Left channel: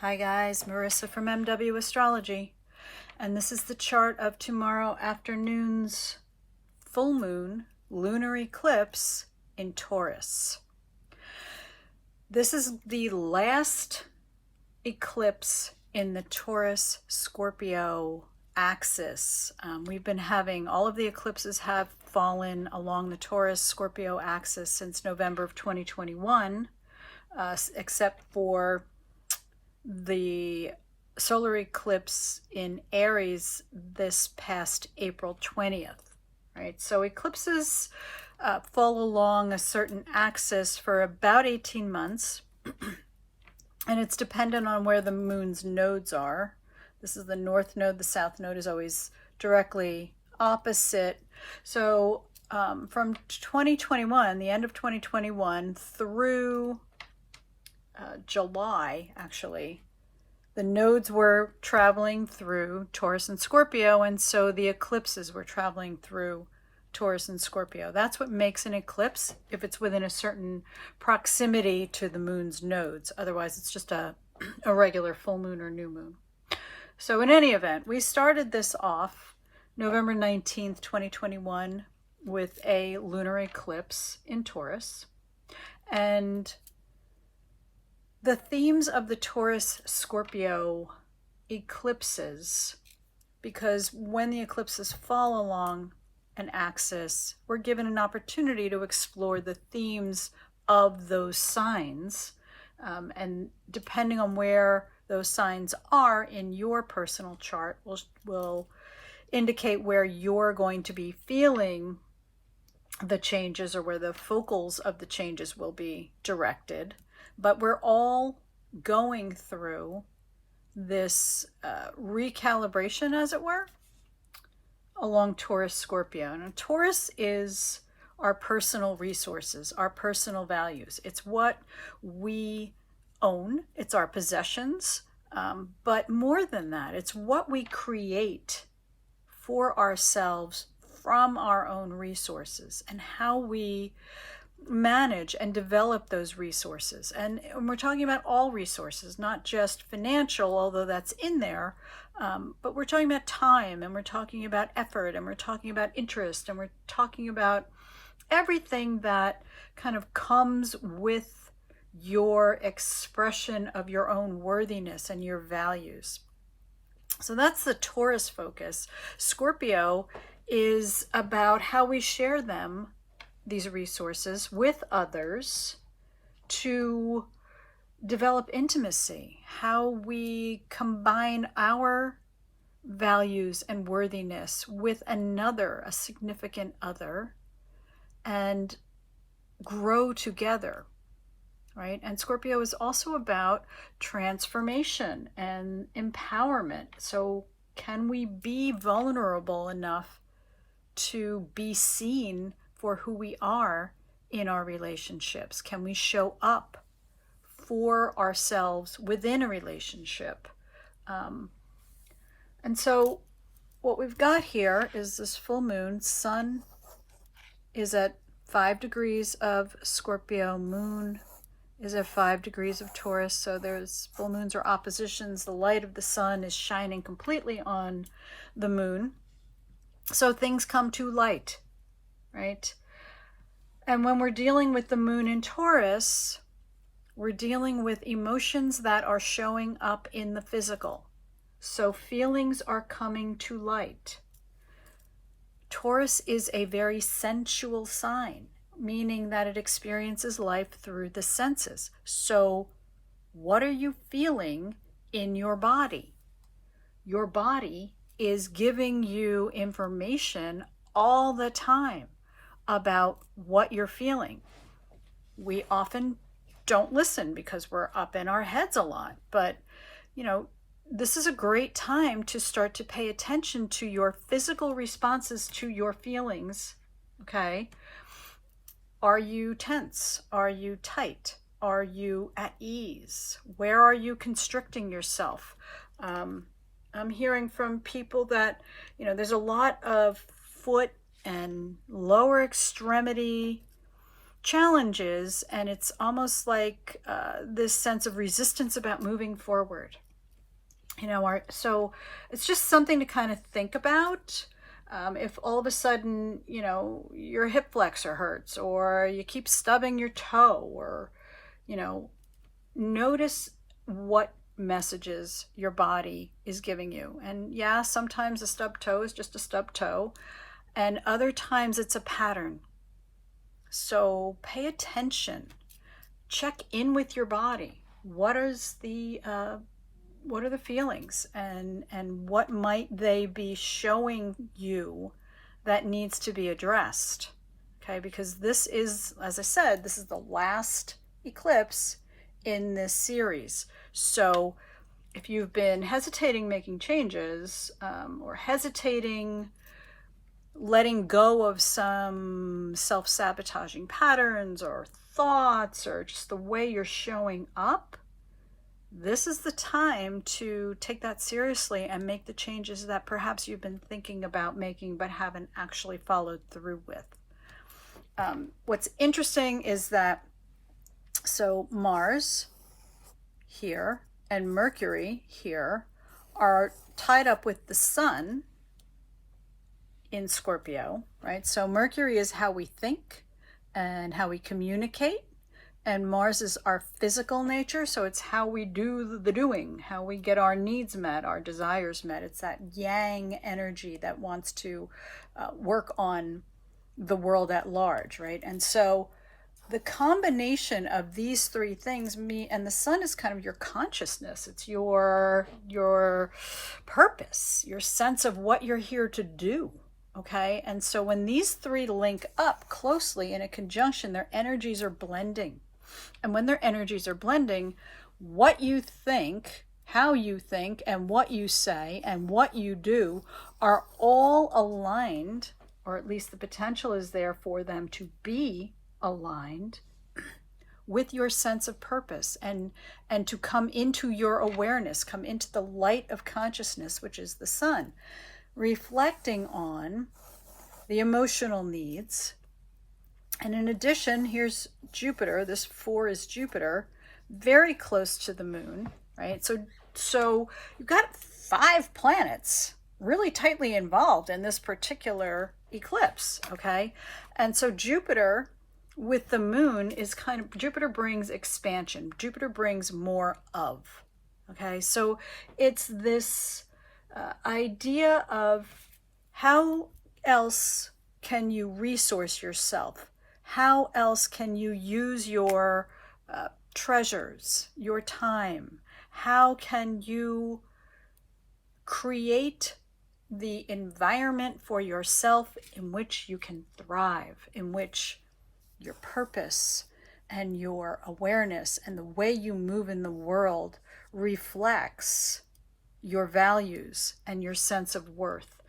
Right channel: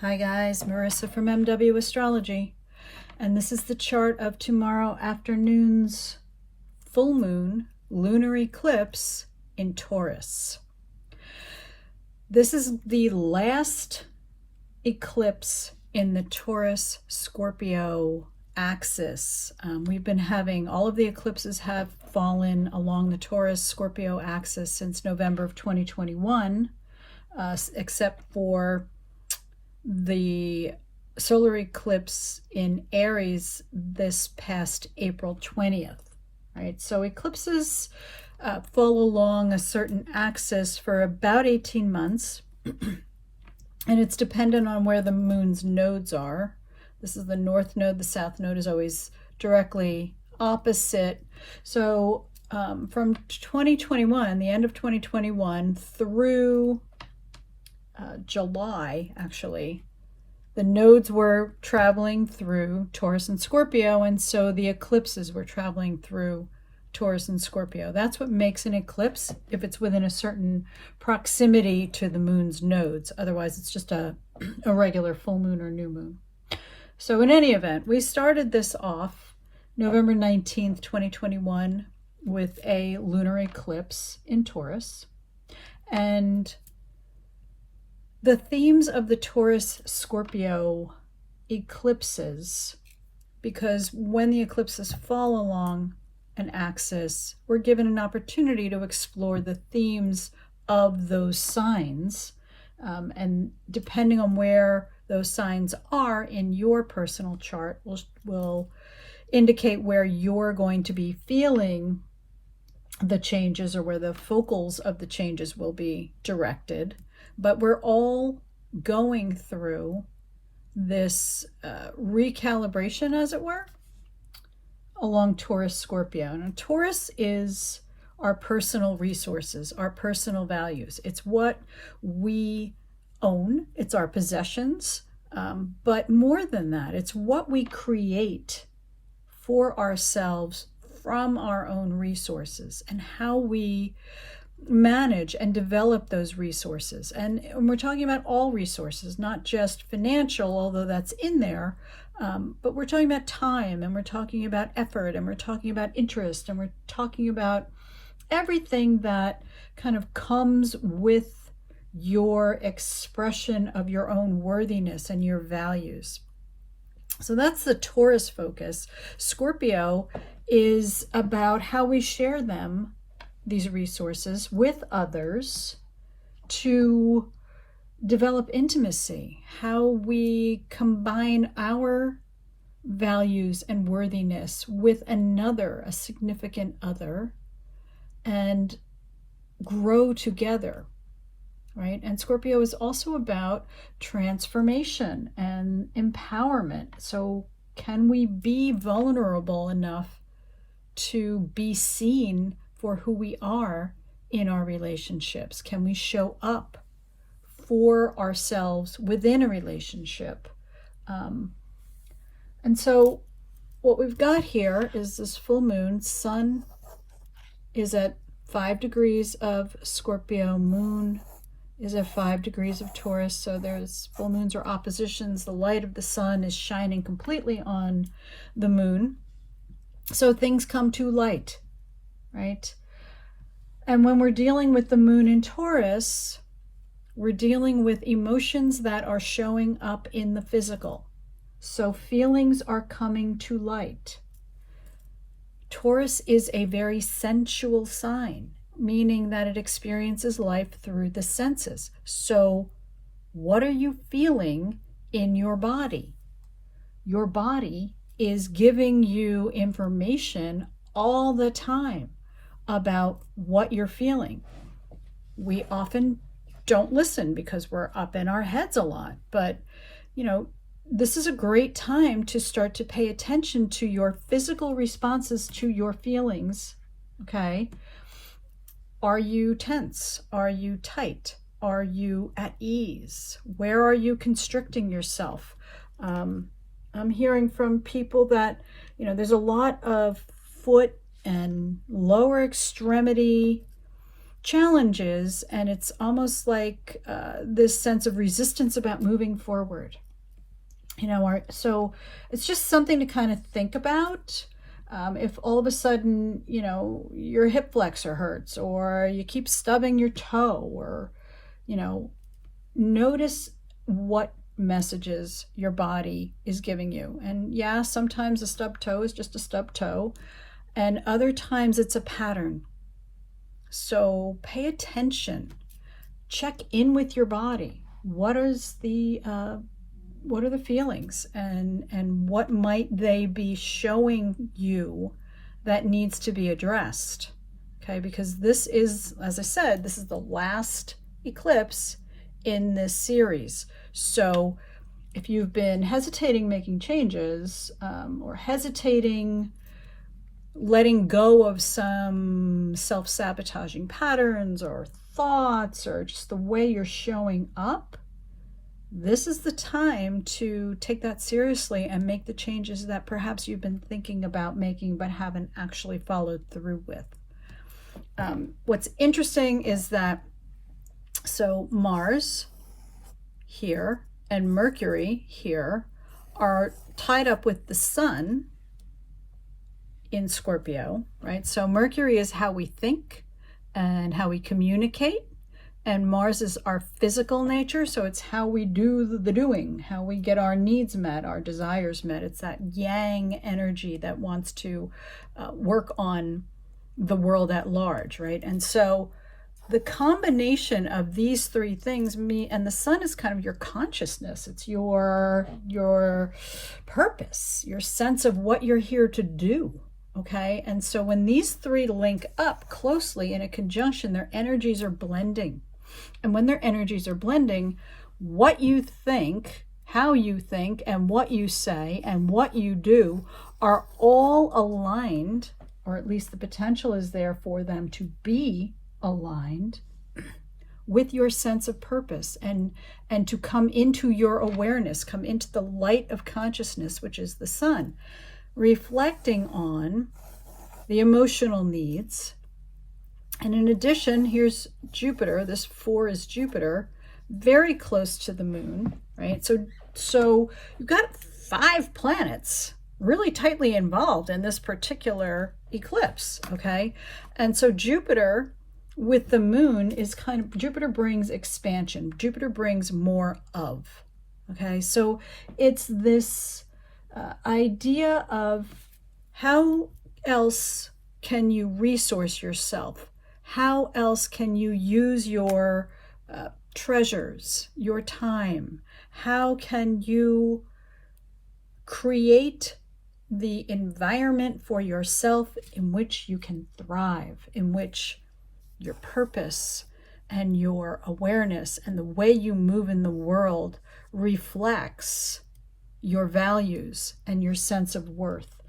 Hi guys, Marissa from MW Astrology, and this is the chart of tomorrow afternoon's full moon lunar eclipse in Taurus. This is the last eclipse in the Taurus Scorpio axis. We've been having all of the eclipses have fallen along the Taurus Scorpio axis since November of 2021, except for the solar eclipse in Aries this past April 20th, right? So eclipses fall along a certain axis for about 18 months, and it's dependent on where the moon's nodes are. This is the north node. The south node is always directly opposite. So from 2021, the end of 2021 through July, actually, the nodes were traveling through Taurus and Scorpio, and so the eclipses were traveling through Taurus and Scorpio. That's what makes an eclipse, if it's within a certain proximity to the moon's nodes. Otherwise, it's just a regular full moon or new moon. So in any event, we started this off November 19th, 2021 with a lunar eclipse in Taurus. And the themes of the Taurus Scorpio eclipses, because when the eclipses fall along an axis, we're given an opportunity to explore the themes of those signs. And depending on where those signs are in your personal chart will indicate where you're going to be feeling the changes or where the focals of the changes will be directed. But we're all going through this recalibration, as it were, along Taurus Scorpio. And Taurus is our personal resources, our personal values. It's what we own, it's our possessions, but more than that, it's what we create for ourselves from our own resources and how we manage and develop those resources. And we're talking about all resources, not just financial, although that's in there, but we're talking about time, and we're talking about effort, and we're talking about interest, and we're talking about everything that kind of comes with your expression of your own worthiness and your values. So that's the Taurus focus. Scorpio is about how we share them, these resources, with others to develop intimacy, how we combine our values and worthiness with another, a significant other, and grow together, right? And Scorpio is also about transformation and empowerment. So can we be vulnerable enough to be seen for who we are in our relationships? Can we show up for ourselves within a relationship? And so what we've got here is this full moon. Sun is at 5 degrees of Scorpio. Moon is at 5 degrees of Taurus. So there's full moons or oppositions. The light of the sun is shining completely on the moon. So things come to light, right? And when we're dealing with the moon in Taurus, we're dealing with emotions that are showing up in the physical. So feelings are coming to light. Taurus is a very sensual sign, meaning that it experiences life through the senses. So what are you feeling in your body? Your body is giving you information all the time about what you're feeling. We often don't listen because we're up in our heads a lot, but this is a great time to start to pay attention to your physical responses to your feelings. Okay, are you tense? Are you tight? Are you at ease? Where are you constricting yourself? I'm hearing from people that there's a lot of foot and lower extremity challenges, and it's almost like this sense of resistance about moving forward. So it's just something to kind of think about. If all of a sudden, your hip flexor hurts, or you keep stubbing your toe, or, notice what messages your body is giving you. And yeah, sometimes a stubbed toe is just a stubbed toe, and other times it's a pattern. So pay attention, check in with your body. What are the feelings, and what might they be showing you that needs to be addressed? Okay, because this is, as I said, this is the last eclipse in this series. So if you've been hesitating making changes, or hesitating letting go of some self-sabotaging patterns or thoughts, or just the way you're showing up, this is the time to take that seriously and make the changes that perhaps you've been thinking about making but haven't actually followed through with. What's interesting is that, so Mars here and Mercury here are tied up with the Sun in Scorpio, right? So Mercury is how we think and how we communicate, and Mars is our physical nature, so it's how we do the doing, how we get our needs met, our desires met. It's that yang energy that wants to work on the world at large, right? And so the combination of these three things, and the Sun is kind of your consciousness. It's your purpose, your sense of what you're here to do. Okay, and so when these three link up closely in a conjunction, their energies are blending. And when their energies are blending, what you think, how you think, and what you say, and what you do are all aligned, or at least the potential is there for them to be aligned with your sense of purpose, and to come into your awareness, come into the light of consciousness, which is the Sun, reflecting on the emotional needs. And in addition, here's Jupiter. This 4 is Jupiter, very close to the moon, right? So you've got 5 planets really tightly involved in this particular eclipse, okay? And so Jupiter with the moon is Jupiter brings expansion. Jupiter brings more of, okay? So it's this idea of how else can you resource yourself? How else can you use your treasures, your time? How can you create the environment for yourself in which you can thrive, in which your purpose and your awareness and the way you move in the world reflects your values and your sense of worth?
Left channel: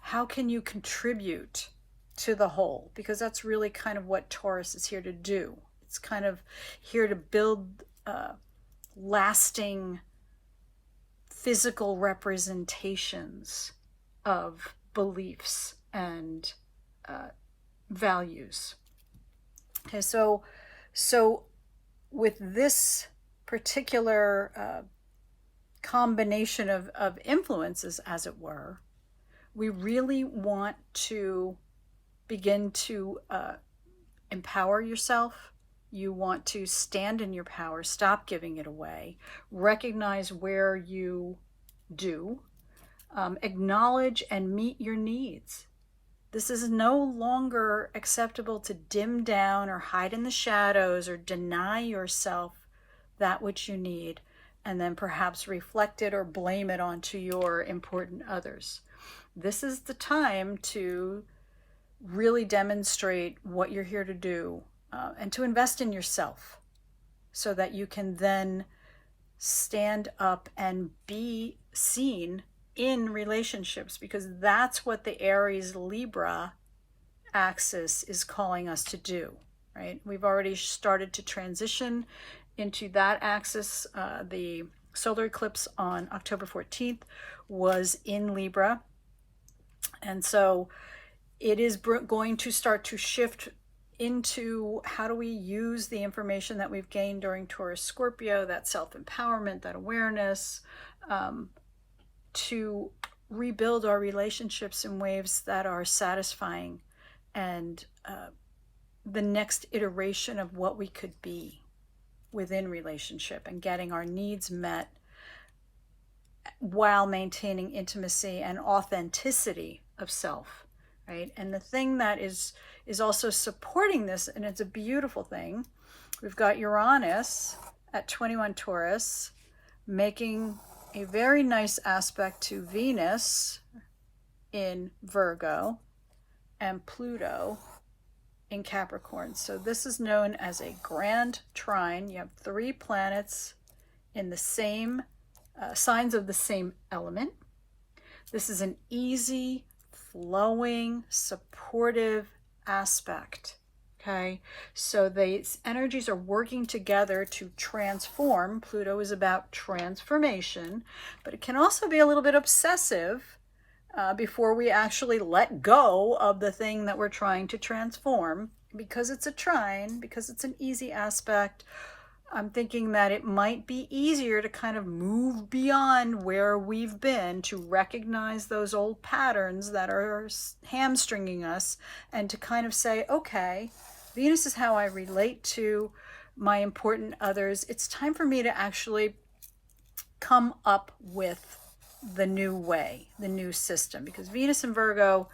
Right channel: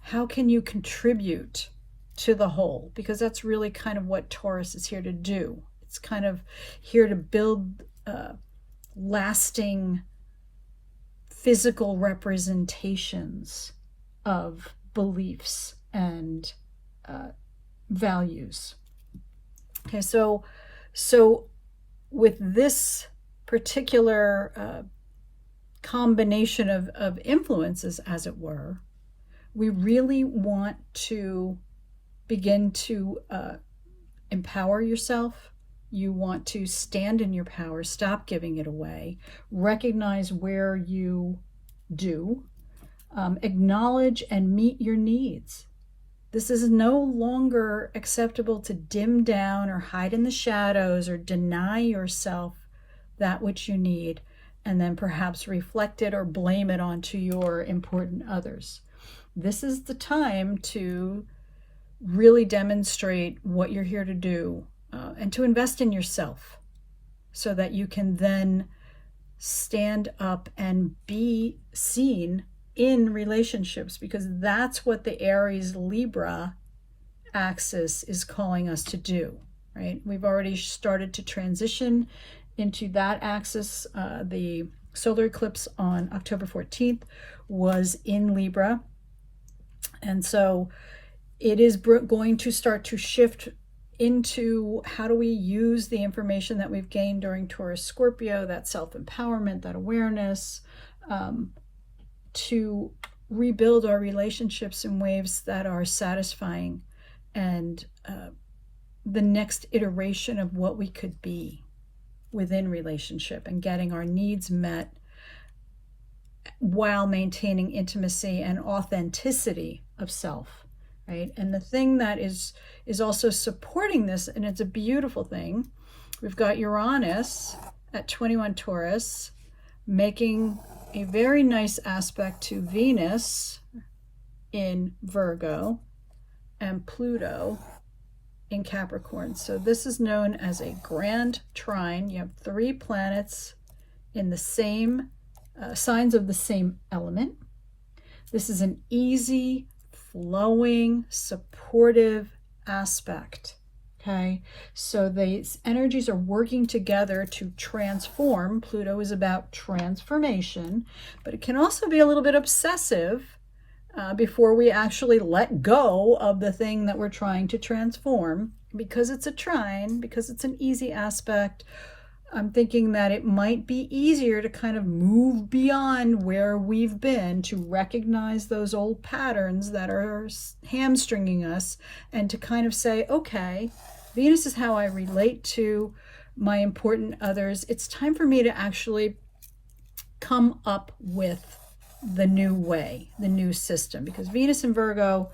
How can you contribute to the whole? Because that's really kind of what Taurus is here to do. It's kind of here to build lasting physical representations of beliefs and values. Okay, so with this particular combination of influences, as it were, we really want to begin to empower yourself. You want to stand in your power, stop giving it away, recognize where you do, acknowledge and meet your needs. This is no longer acceptable to dim down or hide in the shadows or deny yourself that which you need, and then perhaps reflect it or blame it onto your important others. This is the time to really demonstrate what you're here to do, and to invest in yourself so that you can then stand up and be seen in relationships, because that's what the Aries Libra axis is calling us to do, right? We've already started to transition into that axis. The solar eclipse on October 14th was in Libra, and so it is going to start to shift into how do we use the information that we've gained during Taurus Scorpio, that self-empowerment, that awareness, to rebuild our relationships in ways that are satisfying and the next iteration of what we could be within relationship, and getting our needs met while maintaining intimacy and authenticity of self, right? And the thing that is also supporting this, and it's a beautiful thing, we've got Uranus at 21 Taurus making a very nice aspect to Venus in Virgo and Pluto in Capricorn. So this is known as a grand trine. You have 3 planets in the same signs of the same element. This is an easy, flowing, supportive aspect. Okay, so these energies are working together to transform. Pluto is about transformation, but it can also be a little bit obsessive before we actually let go of the thing that we're trying to transform. Because it's a trine, because it's an easy aspect, I'm thinking that it might be easier to kind of move beyond where we've been, to recognize those old patterns that are hamstringing us, and to kind of say, okay, Venus is how I relate to my important others. It's time for me to actually come up with the new way, the new system, because Venus in Virgo,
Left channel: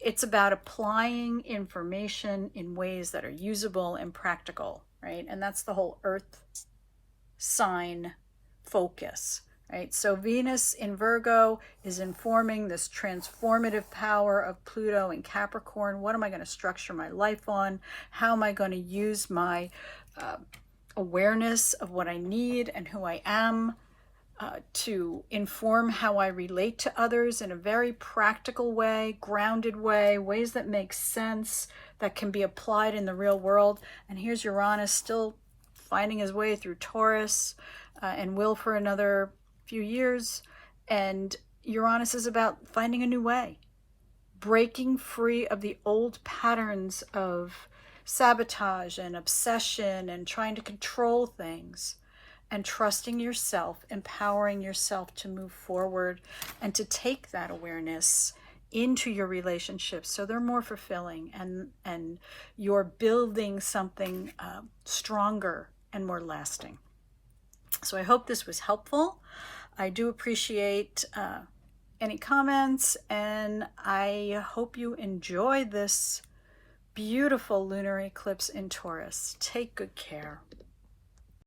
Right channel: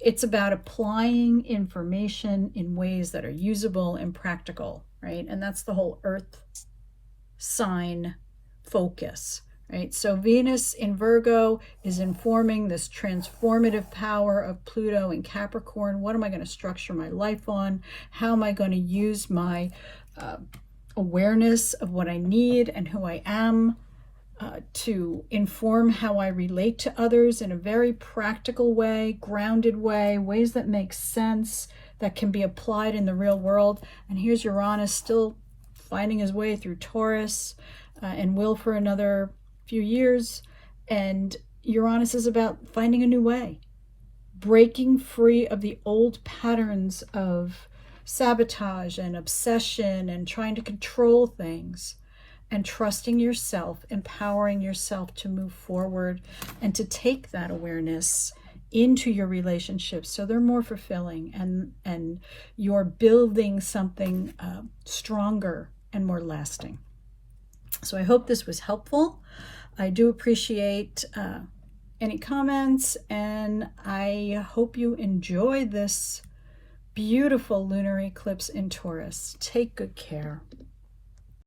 it's about applying information in ways that are usable and practical, right? And that's the whole Earth sign focus, right? So Venus in Virgo is informing this transformative power of Pluto in Capricorn. What am I going to structure my life on? How am I going to use my awareness of what I need and who I am to inform how I relate to others in a very practical way, grounded way, ways that make sense, that can be applied in the real world. And here's Uranus still finding his way through Taurus and will for another few years. And Uranus is about finding a new way, breaking free of the old patterns of sabotage and obsession and trying to control things, and trusting yourself, empowering yourself to move forward and to take that awareness into your relationships so they're more fulfilling, and you're building something stronger and more lasting. So I hope this was helpful. I do appreciate any comments, and I hope you enjoy this beautiful lunar eclipse in Taurus. Take good care.